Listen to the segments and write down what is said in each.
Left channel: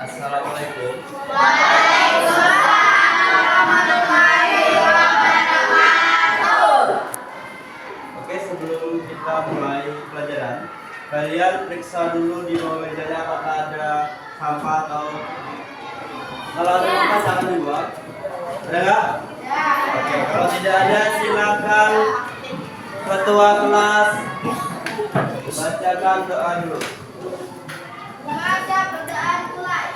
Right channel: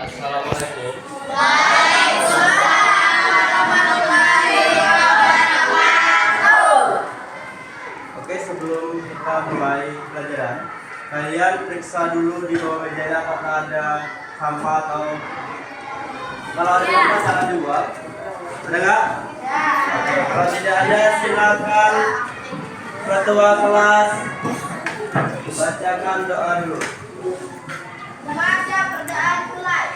Assalamualaikum. Oke, sebelum kita mulai pelajaran, kalian periksa dulu di bawah mejanya apakah ada sampah atau kalau ada sampah jangan dibuang. Ada nggak? Oke, kalau tidak ada silakan ketua kelas bacakan doa dulu. Membaca bacaan mulai.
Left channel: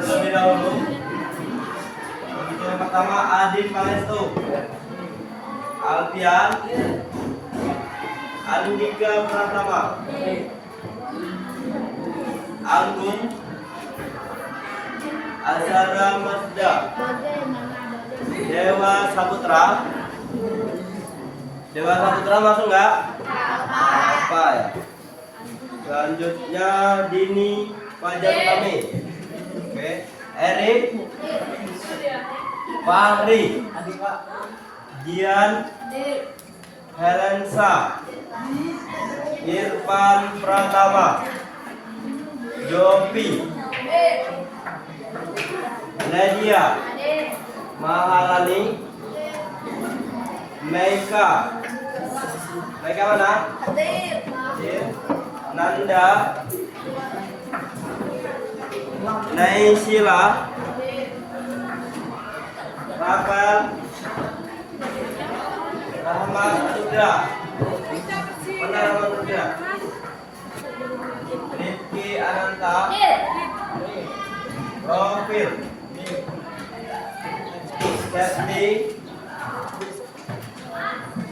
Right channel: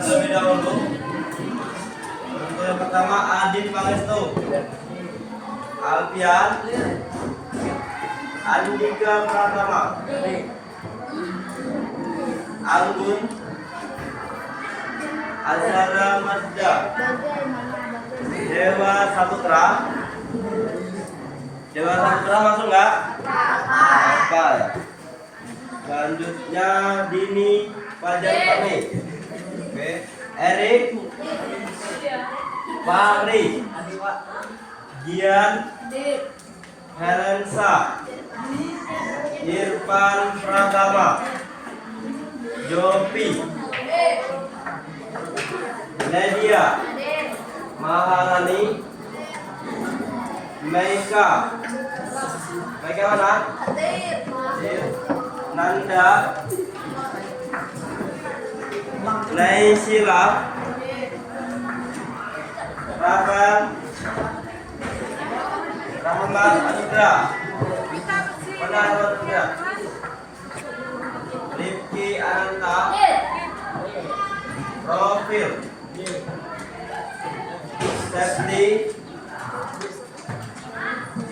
Terlebih dahulu, yang pertama Adin Pangestu, Alfian, Andika Pratama, Agung, Azhara Mazda, Dewa Saputra. Dewa Saputra masuk nggak? Apa ya? Selanjutnya Dini Fajar kami. Oke, Erik, Fahri, Gian, Helensa, Irfan Pratama, Jopi, Nadia, Maharani, Meika. Meika mana? Nanda, Naisila, Rafael, Rahmat Anugrah, mana Rahmat Anugrah? Rifki Ananta, Profil, Septi,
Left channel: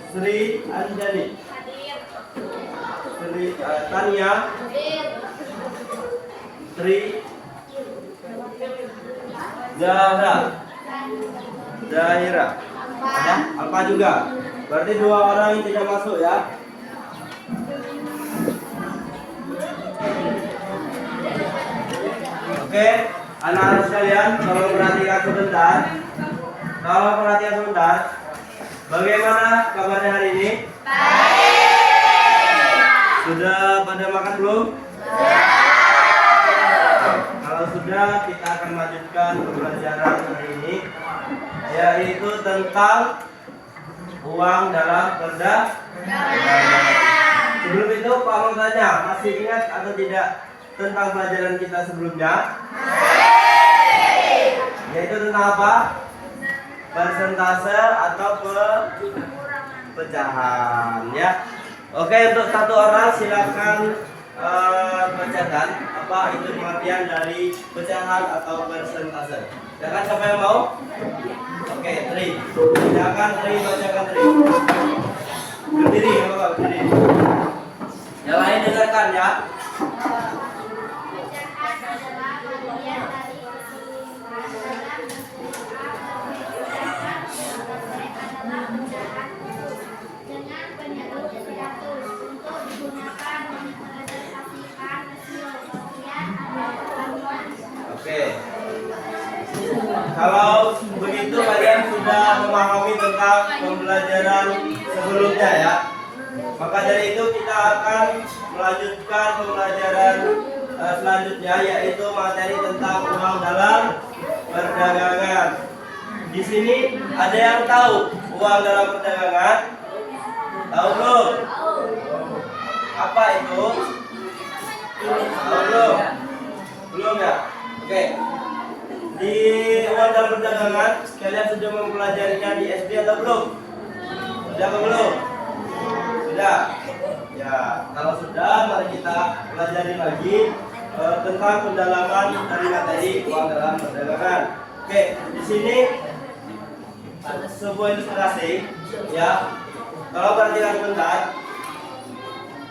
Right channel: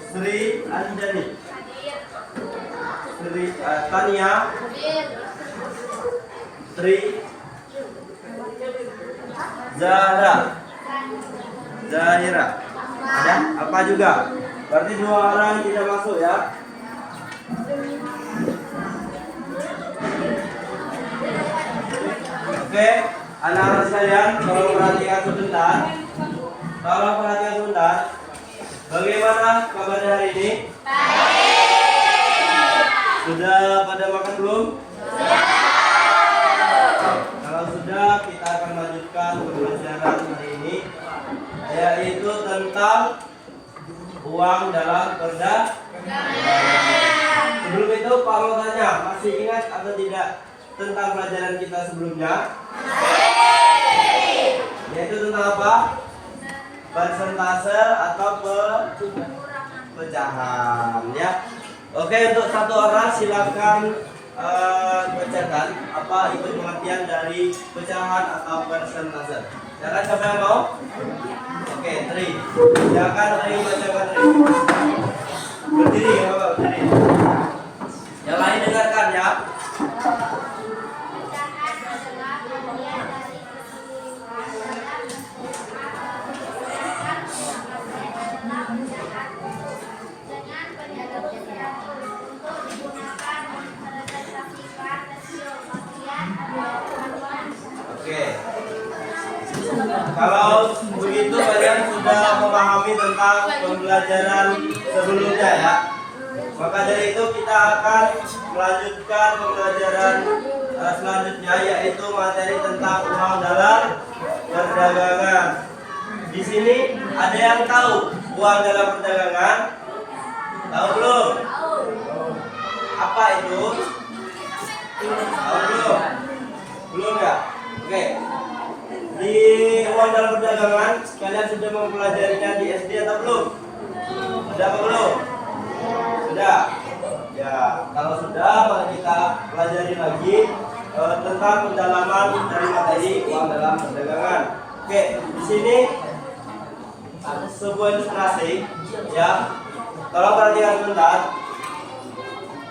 Sri Anjani, Sri Tania, Tri, Zahira. Ada apa juga? Berarti 2 orang tidak masuk ya. Oke, anak-anak sekalian, tolong perhatikan sebentar. Bagaimana kabarnya hari ini? Sudah pada makan belum? Kalau sudah, kita akan lanjutkan pembelajaran hari ini, yaitu tentang uang dalam perdagangan. Sebelum itu, Pak mau tanya, masih ingat atau tidak tentang pelajaran kita sebelumnya? Yaitu tentang apa? Persentase atau pecahan, ya. Oke, untuk satu orang silakan bacakan apa itu pengertian dari pecahan atau persentase. Silakan, siapa yang mau? Oke, Tri. Silakan Tri, bacakan Tri. Berdiri ya Bapak, berdiri. Yang lain dengarkan ya. Pecahan adalah bagian dari keseluruhan dalam bentuk A atau B. Pecahan adalah pecahan Kalau begitu kalian sudah memahami tentang pembelajaran sebelumnya ya. Maka dari itu kita akan melanjutkan pembelajaran selanjutnya, yaitu materi tentang uang dalam perdagangan. Di sini ada yang tahu uang dalam perdagangan? Tahu belum? Apa itu? Tahu belum? Belum ya? Oke. Di uang dalam perdagangan kalian sudah mempelajarinya di SD atau belum? Sudah apa belum? Sudah. Ya, kalau sudah mari kita pelajari lagi tentang pendalaman dari materi uang dalam perdagangan. Oke, di sini sebuah ilustrasi ya. Tolong perhatikan sebentar.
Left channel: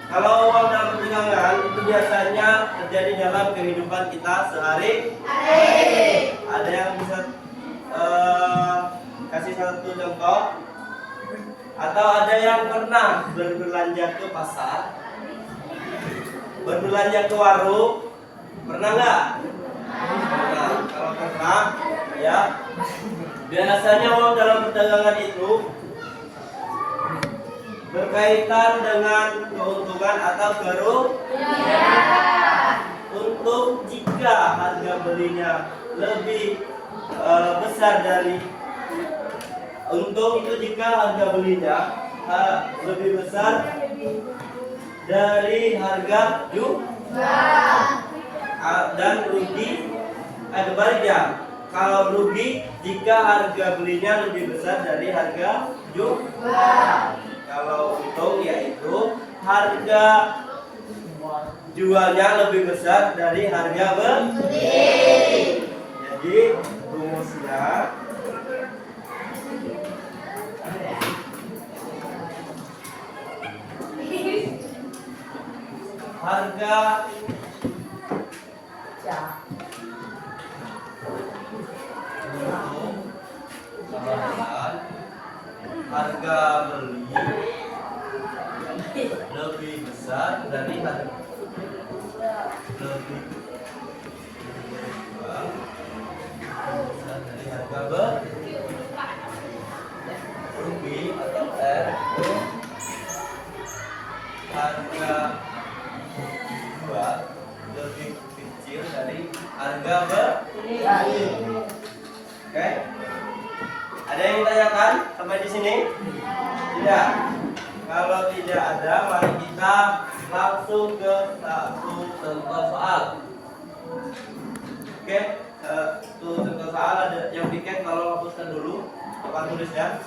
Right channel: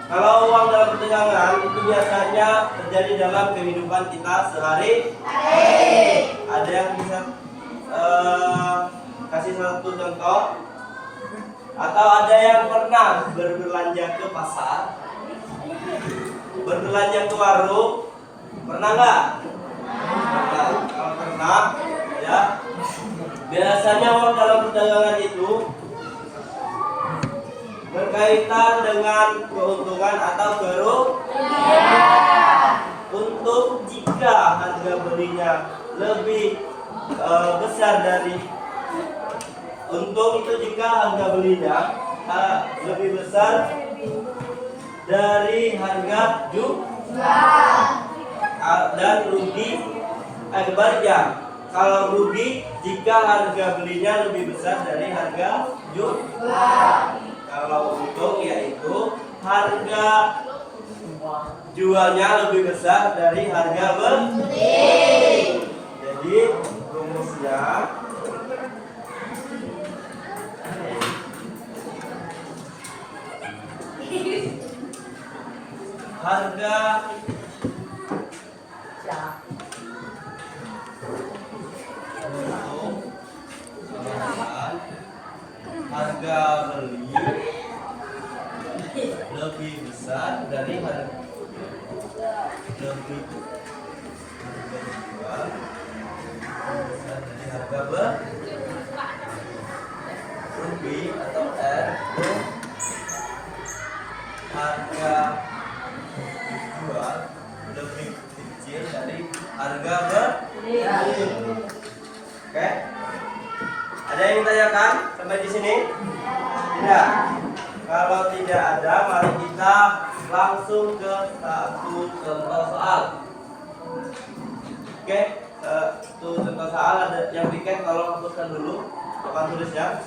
Kalau uang dalam perdagangan itu biasanya terjadi dalam kehidupan kita sehari-hari. Ada yang bisa kasih satu contoh? Atau ada yang pernah berbelanja ke pasar? Berbelanja ke warung? Pernah nggak? Pernah. Kalau pernah, ya. Biasanya uang dalam perdagangan itu berkaitan dengan keuntungan atau kerugian. Untuk jika harga belinya lebih besar dari untung itu jika harga belinya lebih besar dari harga jual, dan rugi kebaliknya. Kalau rugi jika harga belinya lebih besar dari harga jual. Kalau untung yaitu harga jualnya lebih besar dari harga beli. Jadi rumusnya harga untung sama dengan harga beli lebih besar dari harga lebih besar dari harga beli. Rugi atau R itu harga jual lebih kecil dari harga beli. Oke? Ada yang ditanyakan sampai di sini? Tidak. Kalau tidak ada, mari kita langsung ke satu contoh soal. Oke, satu contoh soal ada yang bikin, tolong hapuskan dulu. Coba tulis ya.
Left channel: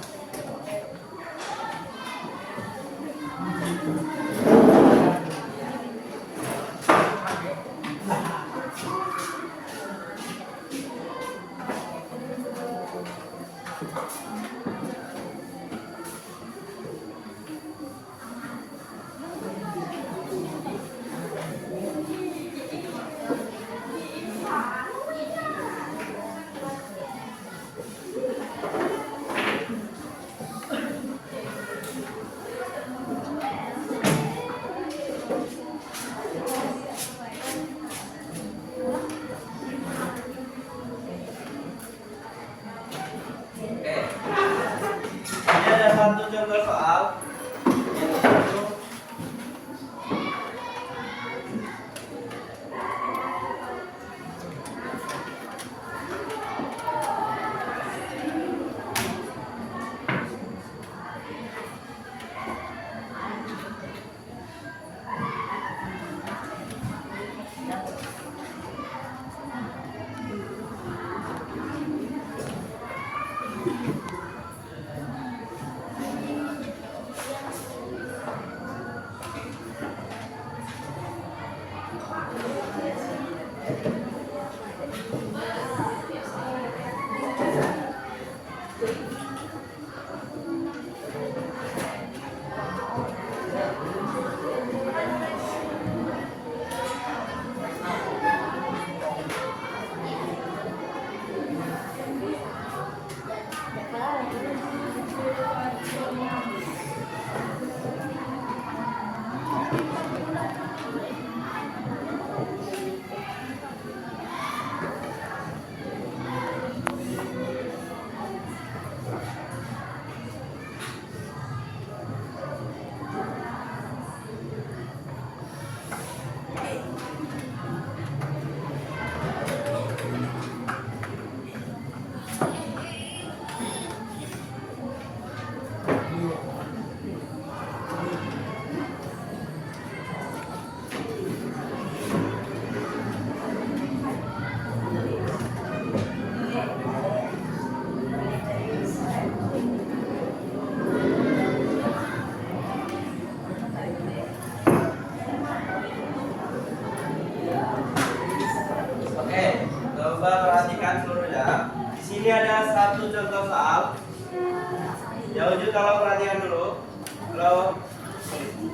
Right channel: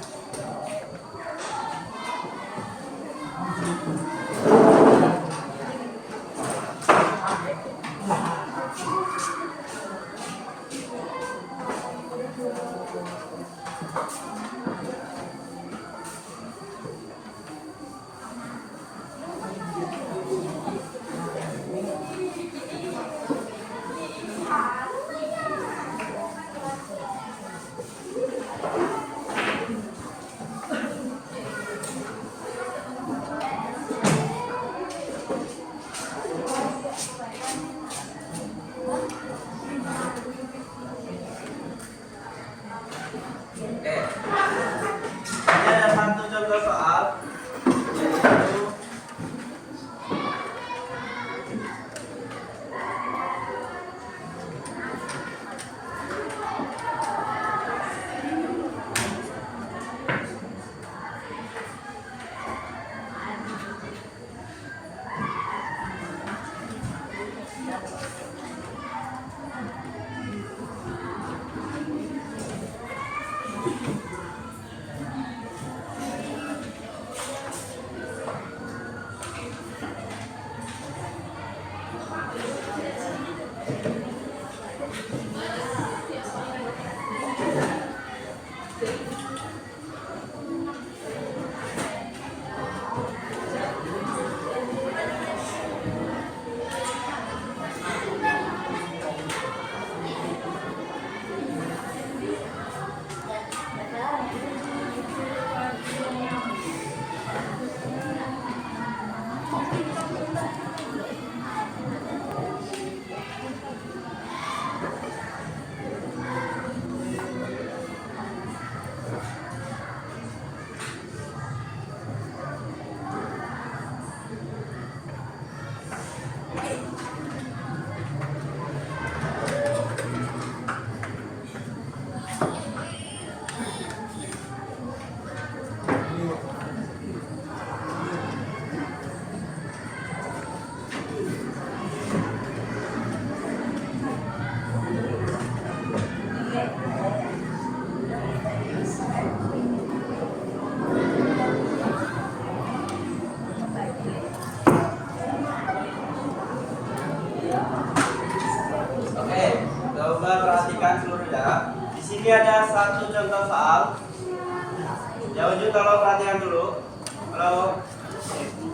tolong perhatikan dulu. Halo.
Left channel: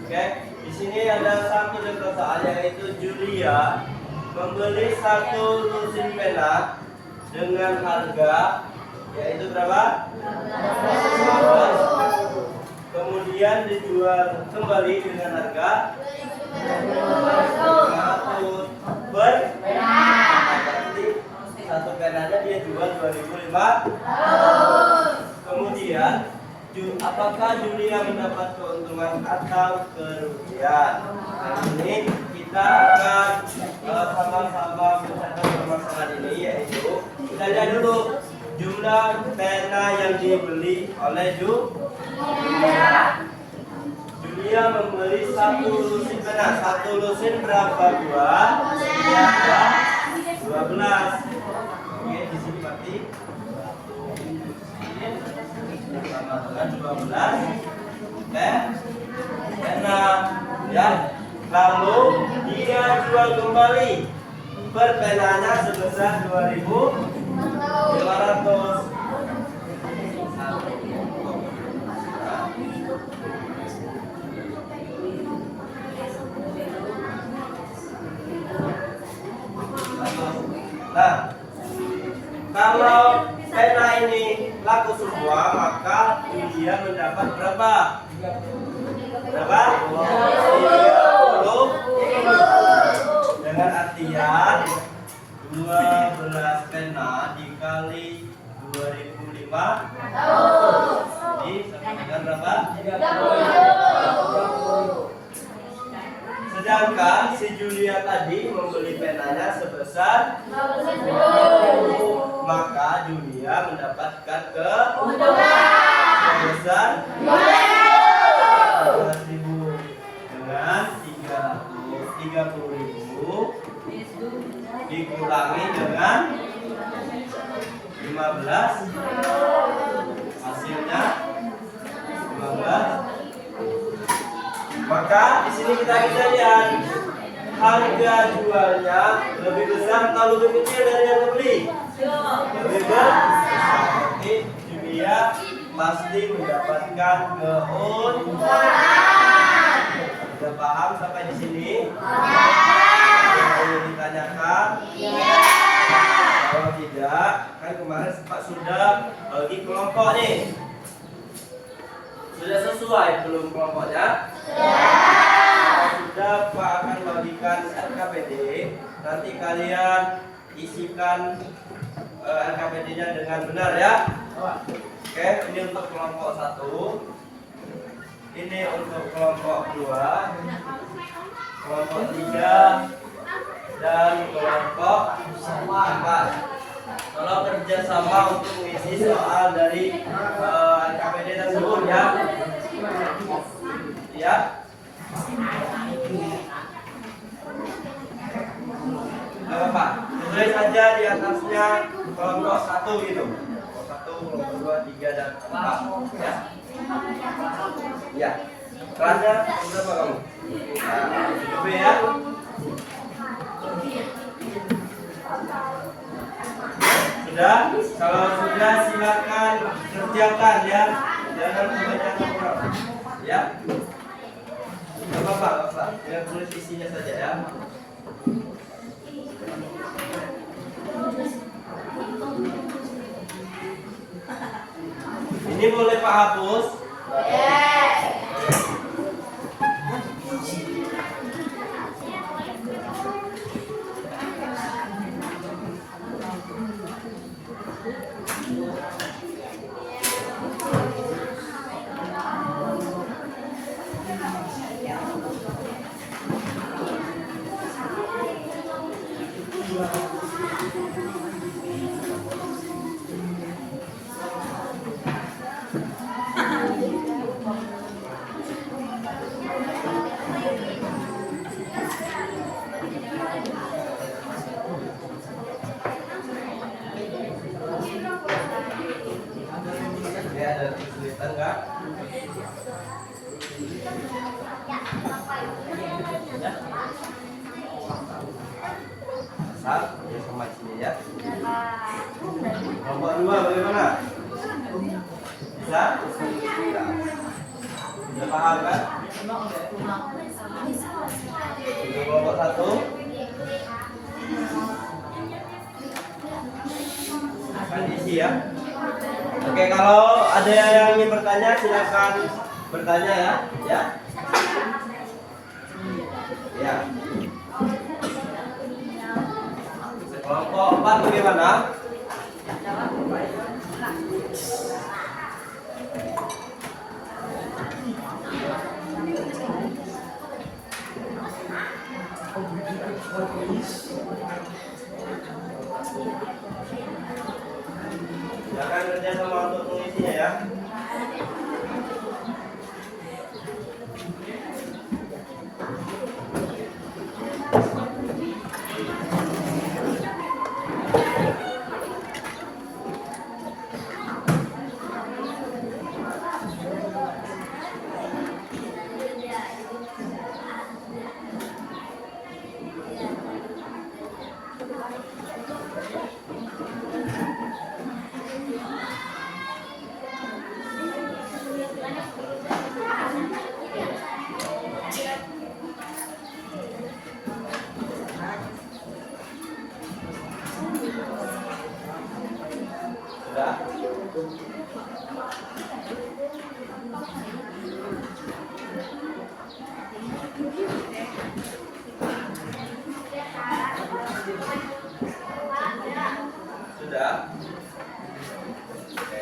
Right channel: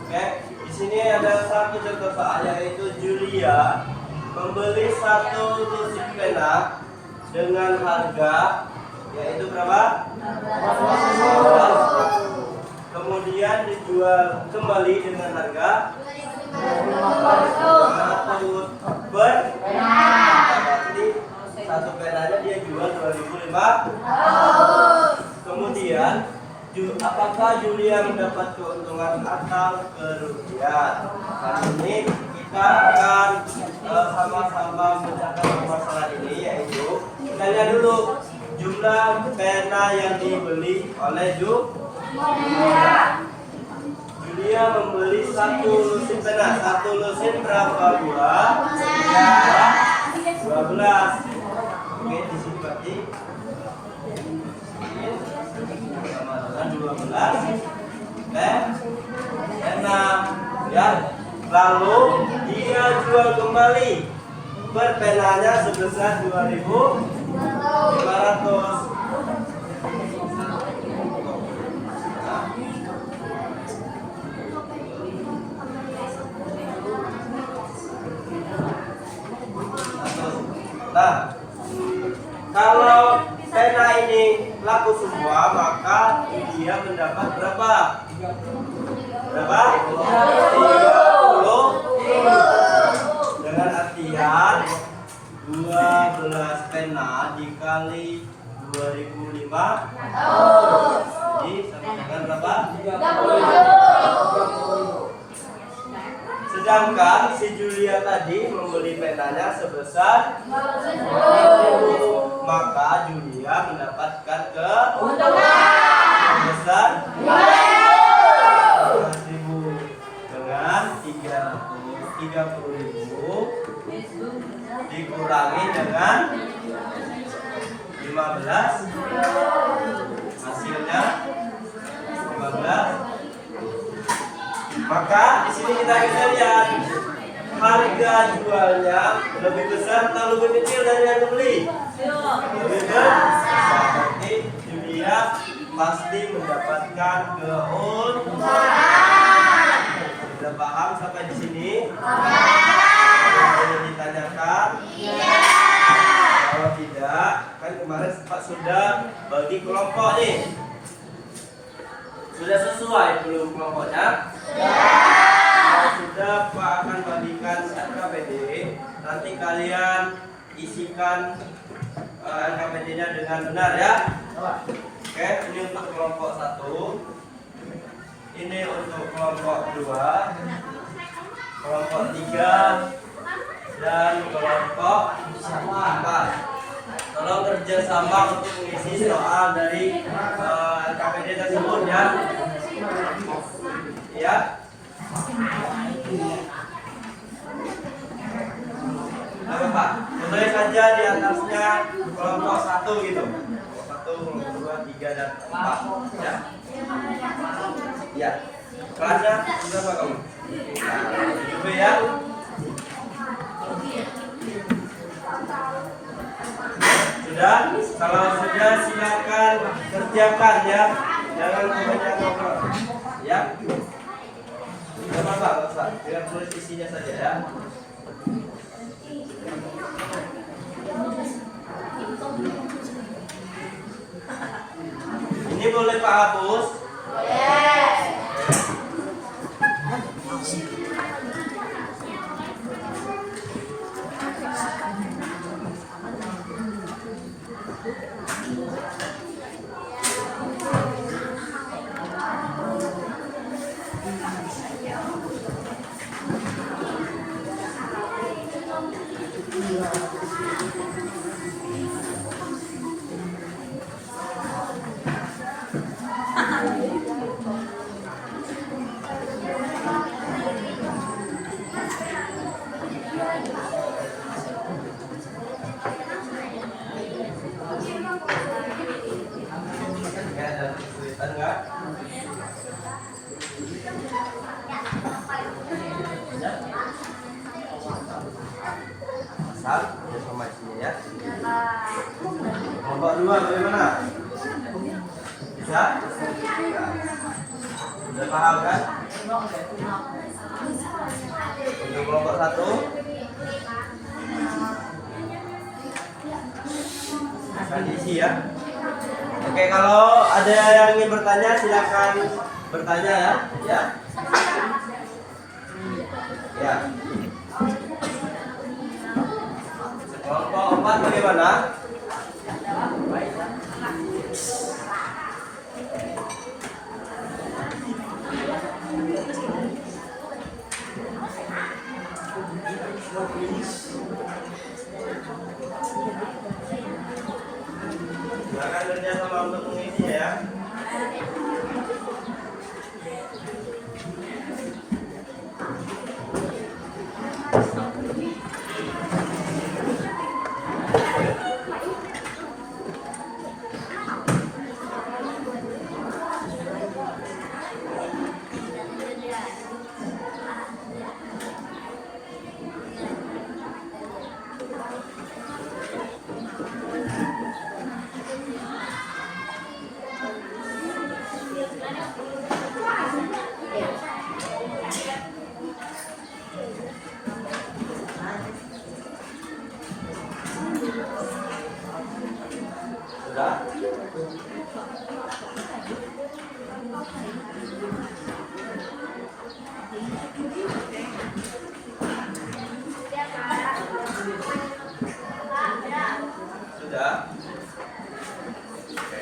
Oke, di sini ada satu contoh soal yaitu Julia membeli satu lusin pena dengan harga yaitu berapa? 15. Kemudian dijual kembali dengan harga 500 per pena. Berarti satu penanya dia jual 2.500. Kemudian apakah Julia mendapat keuntungan atau kerugian? Kali ini kita akan sama-sama memecahkan permasalahan ini, yaitu kita lihat dulu jumlah pena yang dibeli oleh Julia. Julia membeli satu lusin pena. Satu lusin berapa buah? 12. Oke, di sini berarti sama dengan 12 pena ya. Lalu dia jual kembali per penanya sebesar 2.500. Nah, kalau pena ini laku semua, maka dia mendapat berapa? Berapa? 30. Dengan artian 12 pena dikali 2.500. Jadi sama dengan berapa? 30. Sedangkan si Julia tadi membeli penanya sebesar 50, maka Julia mendapatkan keuntungan sebesar 15.000 dengan 330.000 dikurangi dengan 15, hasilnya 15. Maka di sini kita bisa lihat harga jualnya lebih besar atau lebih kecil dari yang dibeli? Lebih besar. Berarti Julia pasti mendapatkan keuntungan. Sudah paham sampai di sini? Ada yang ditanyakan? Kalau tidak, kan kemarin Pak sudah bagi kelompok nih. Sudah sesuai belum kelompoknya? Kalau sudah, Pak akan bagikan LKPD. Nanti kalian isikan LKPD-nya dengan benar ya. Oke, ini untuk kelompok 1. Ini untuk kelompok 2, kelompok 3, dan kelompok 4. Tolong kerjasama untuk mengisi soal dari LKPD tersebut ya. Ya. Ayo Pak, tulis saja di atasnya kelompok 1 gitu. Kelompok 1, kelompok 2, 3, dan 4 ya. Ya. Kelasnya berapa kamu? Nah, 7B ya. Sudah? Kalau sudah silakan kerjakan ya. Jangan membaca nomor. Ya. Gak apa-apa. Biar tulis isinya saja ya. Ini boleh Pak hapus? Boleh. Asal ya sama sini ya. Kelompok 2 bagaimana? Bisa? paham kan? Untuk kelompok 1 akan diisi ya. Oke, kalau ada yang ingin bertanya silakan bertanya ya. Ya. Ya. Kelompok 4 bagaimana? Silakan kerja sama untuk mengisinya ya. Sudah? Sudah? Oke.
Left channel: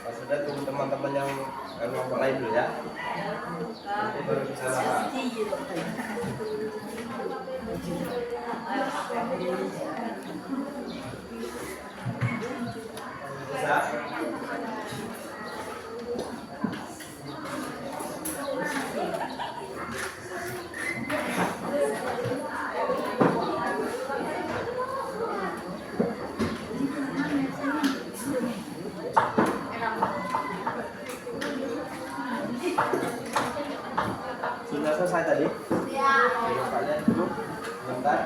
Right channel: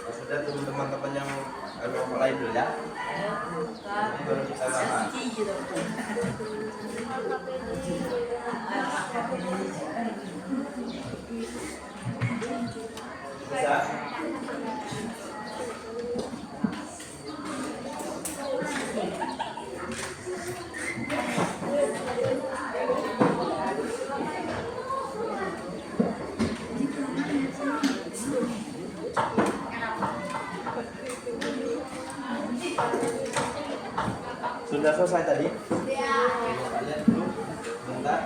Kalau sudah tunggu teman-teman yang mulai dulu ya. Nanti baru kita bahas. Bisa? Sudah selesai tadi? Kalian duduk bentar.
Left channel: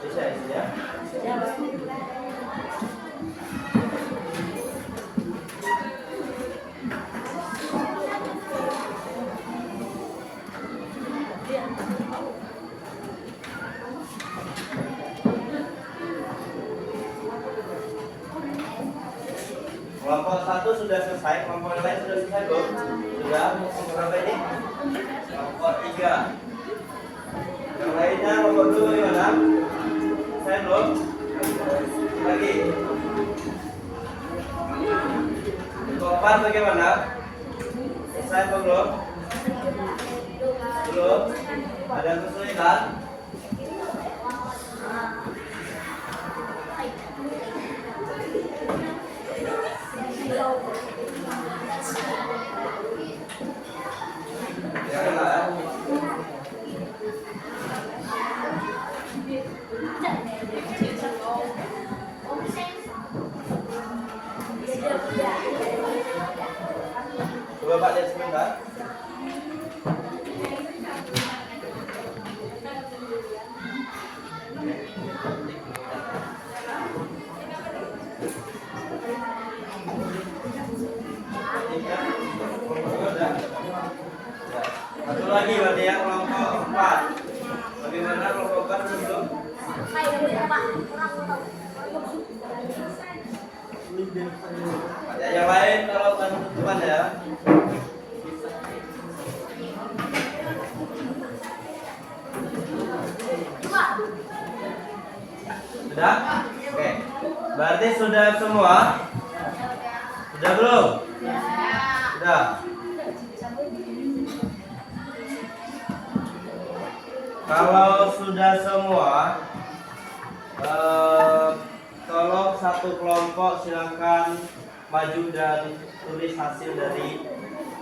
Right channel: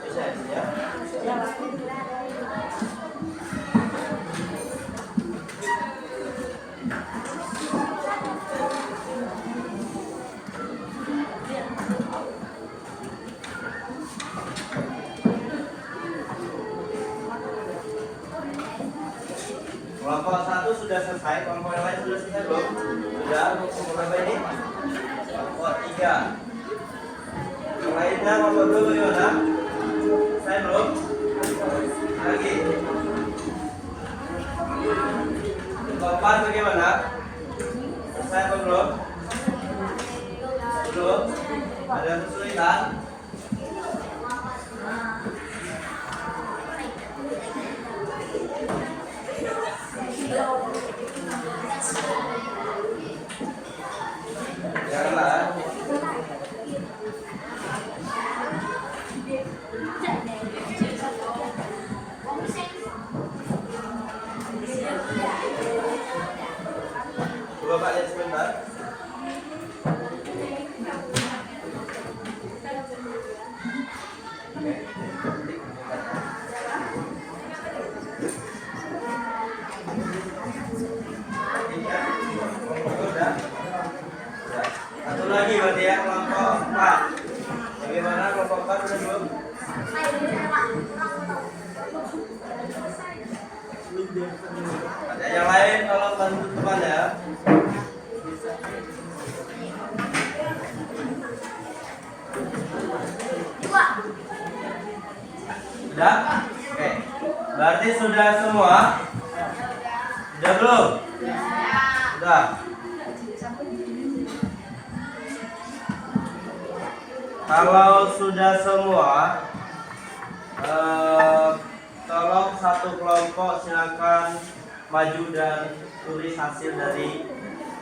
Bisa ya? Kelompok 1 sudah selesai, kelompok yang lain sudah selesai belum? Sudah, kelompok berapa ini? Kelompok 3. Yang lainnya kelompok 2 bagaimana? Selesai belum? Lagi. Kelompok 4 bagaimana? Selesai apa belum? Belum? Ada kesulitan? Janganlah. Coba Pak lihat sebentar. Satu lagi berarti ya, kelompok 4. Bagaimana kelompok 4 sudah belum? Ada yang lain kalau tutupan ya. Sudah? Oke. Berarti sudah semua? Sudah belum? Sudah. Kalau sudah semua, tolong satu kelompok silakan maju dan tulis hasil dari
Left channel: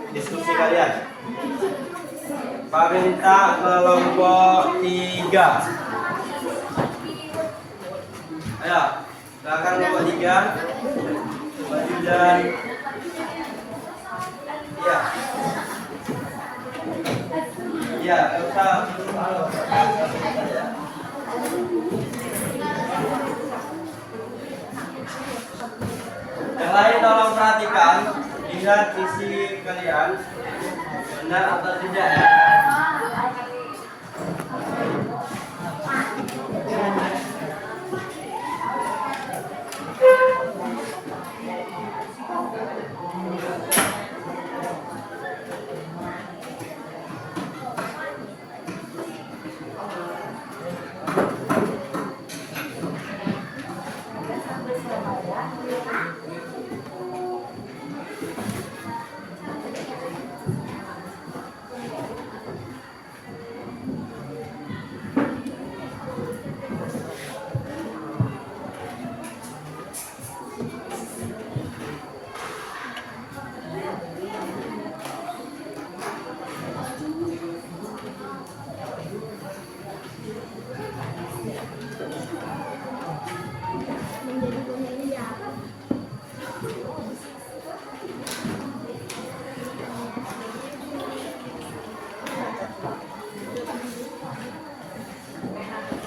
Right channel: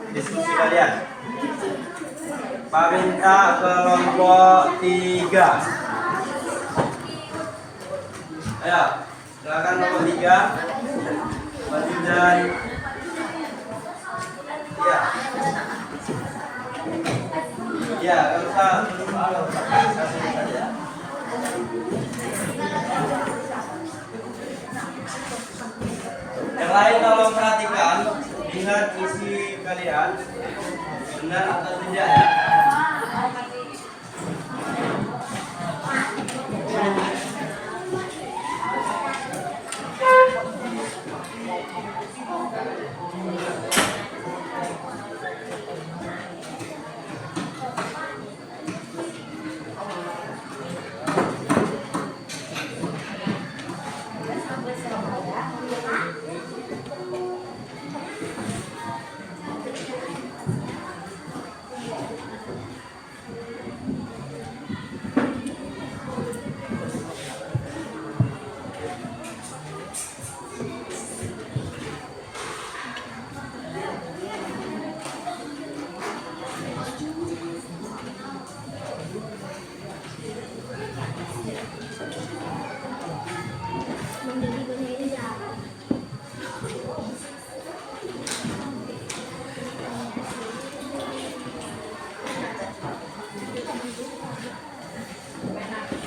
diskusi kalian. Pak minta kelompok 3. Ayo, silakan kelompok 3 maju dan ya, nggak usah saja. Yang lain tolong perhatikan, lihat isi kalian benar atau tidak ya.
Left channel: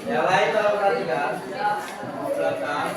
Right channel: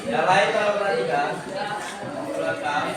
Yang lain tolong perhatikan belakang.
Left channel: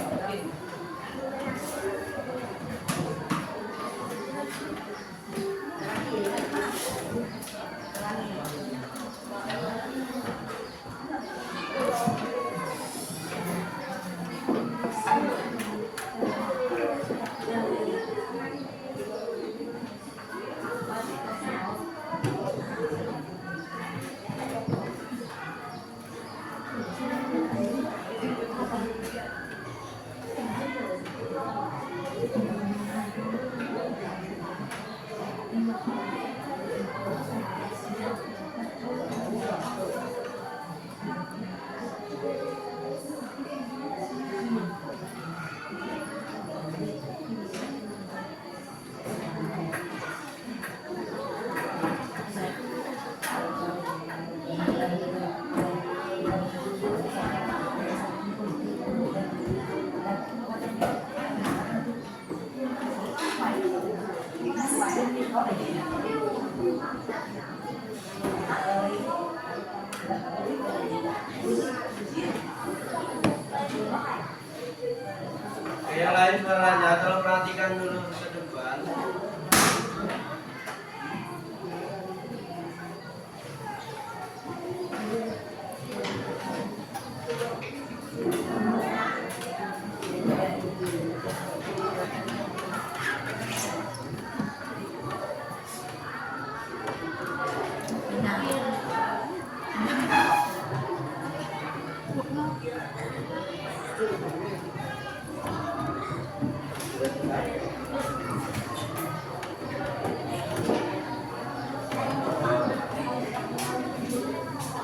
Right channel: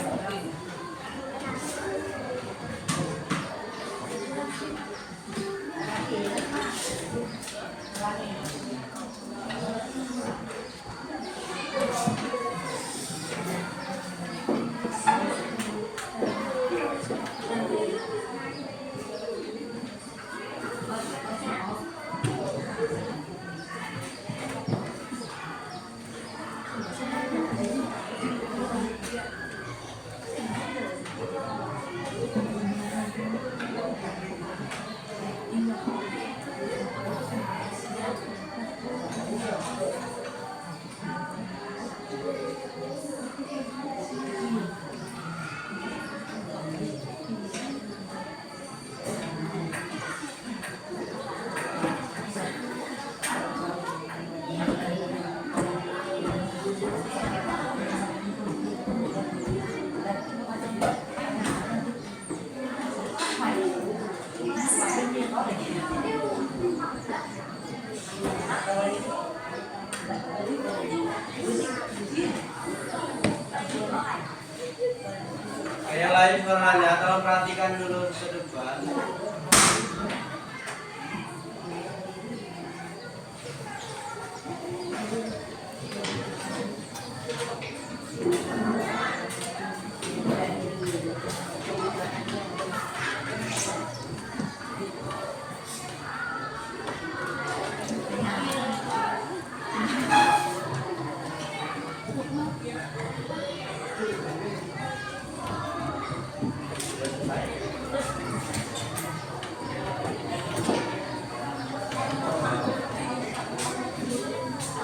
Yang lain suaranya tolong perhatikan dulu ke depan.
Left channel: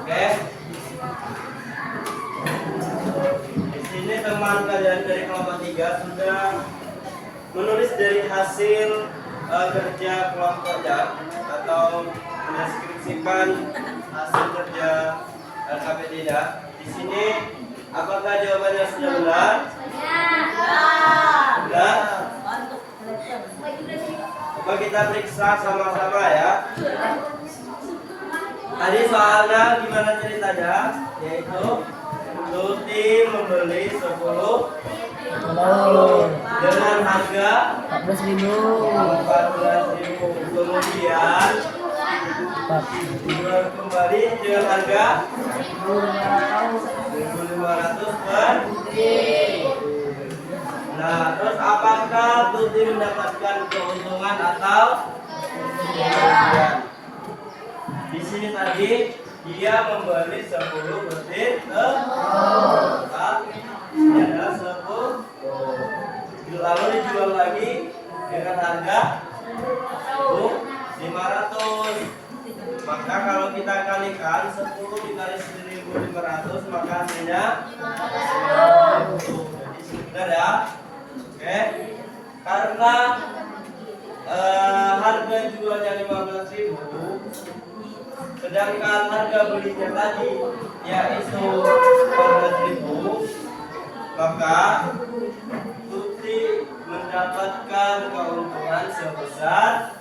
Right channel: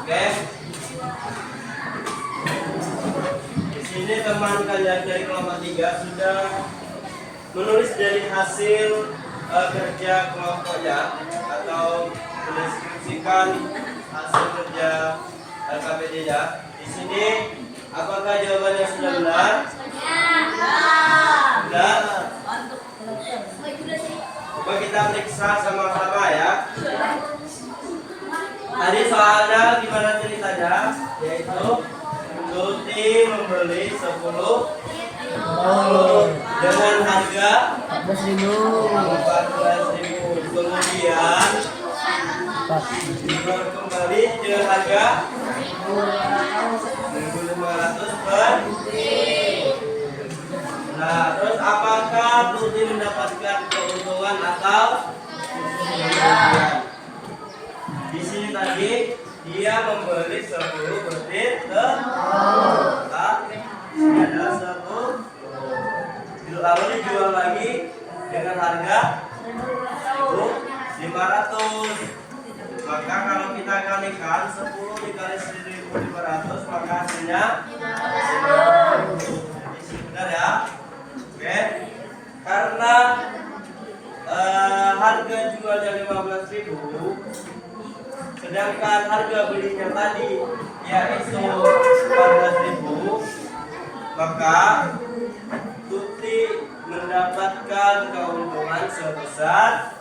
Oke. Di sini teman kalian dari kelompok 3 sudah menulis dari hasil kerja kelompoknya atau mendeskripsikan hasil kerja LKPD-nya. Di sini apakah jawabannya sudah benar? Sudah. Coba kita periksa sama-sama ya. Tadi soalnya gimana ceritanya? Yaitu Tuti membeli 10 dengan harga 14.000. Kemudian jual kembali dengan harga 1.500 per. Nah, terus apakah Tuti mendapatkan keuntungan atau kerugian? Di sini tadi dia membeli 10 butir telur. Ini adalah 10. Lalu dijual lagi dengan harga 1.500. Maka kalau kita kalikan 10 dikali 1.500 maka hasilnya 50. Jadi sebentar ya. Oke. Karena harga jualnya 15.000, sedangkan harga belinya tadi yaitu 14.000, maka Tuti mendapatkan keuntungan sebesar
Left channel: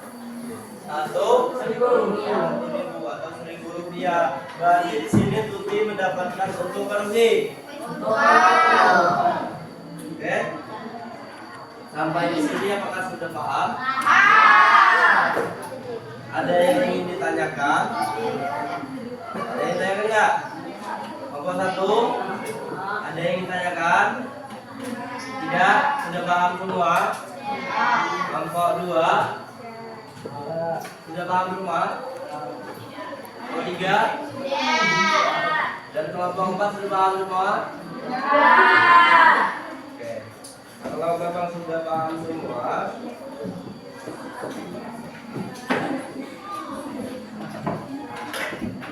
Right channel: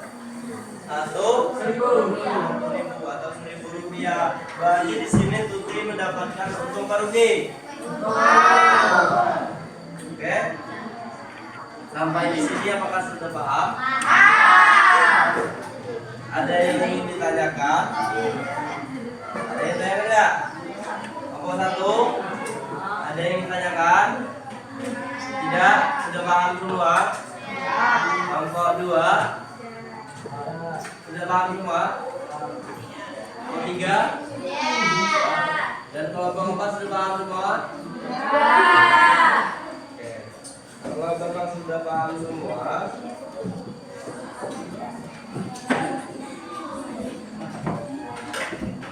1.000 atau 1.000 rupiah. Berarti di sini Tuti mendapatkan untung atau rugi? Oke. Sampai di sini apakah sudah paham? Ada yang ingin ditanyakan? Ada yang tanya enggak? Kelompok 1, ada yang ditanyakan? Tidak? Sudah paham semua? Kelompok 2, sudah paham semua? Kelompok 3? Dan kelompok 4 sudah paham semua? Oke. Kalau memang sudah paham semua,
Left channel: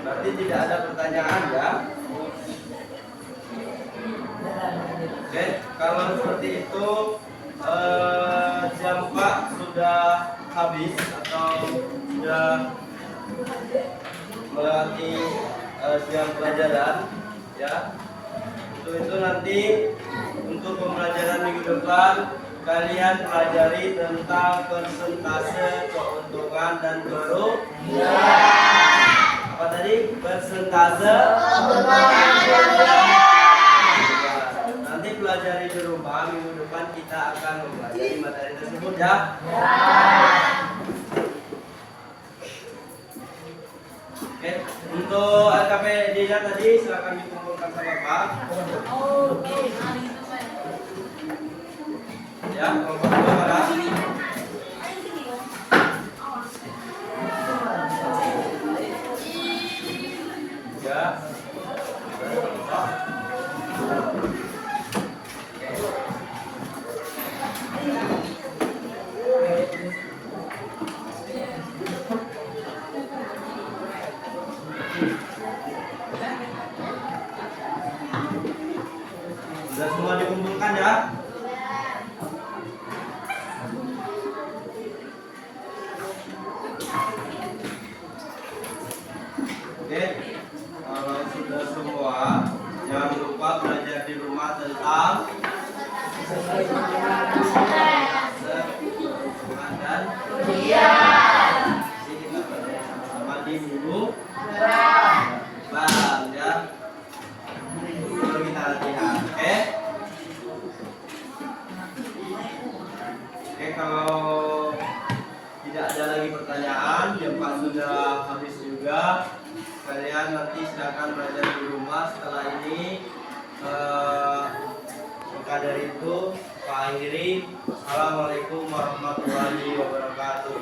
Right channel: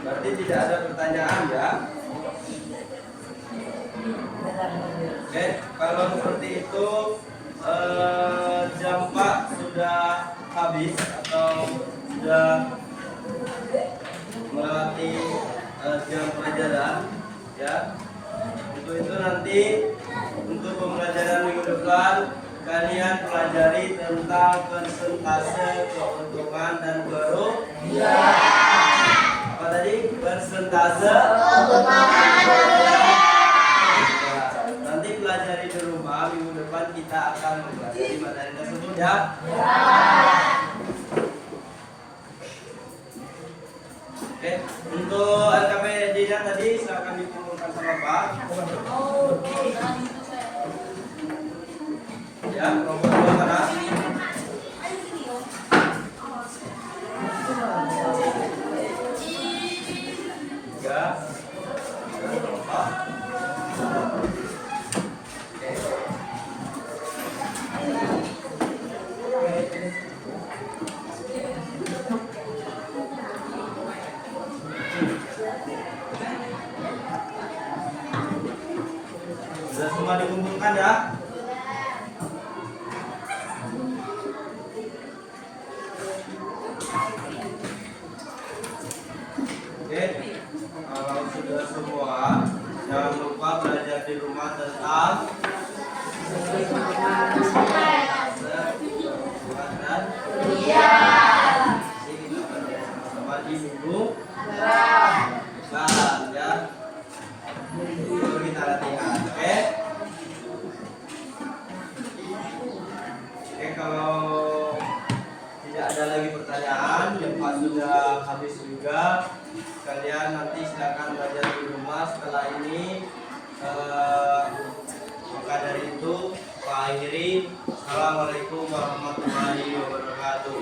berarti tidak ada pertanyaan ya? Oke, kalau seperti itu jam 4 sudah habis atau sudah melewati jam pelajaran ya. Untuk itu nanti untuk pembelajaran minggu depan kalian pelajari tentang persentase keuntungan dan kerugian. Apa tadi? Persentase nanti pelajari di rumah. Minggu depan kita akan mempelajari materi tersebut ya. Oke, untuk LKPD-nya tadi silakan dikumpulkan sama Pak. Ya, kelompok 2 mana? Ya. Sudah semua dikumpulkan ya? Oke, kalau sudah semua, jangan lupa belajar di rumah tentang keuntungan dan kerugian. Jadi kita belajar sama-sama di minggu depan ya. Baru kita latihan, oke? Oke, kalau tidak ada lagi pertanyaan, jam 4 sudah habis juga. Kalian nanti silakan belajar di rumah setelah ini. Maka dari itu, Pak akhiri. Assalamualaikum warahmatullahi wabarakatuh.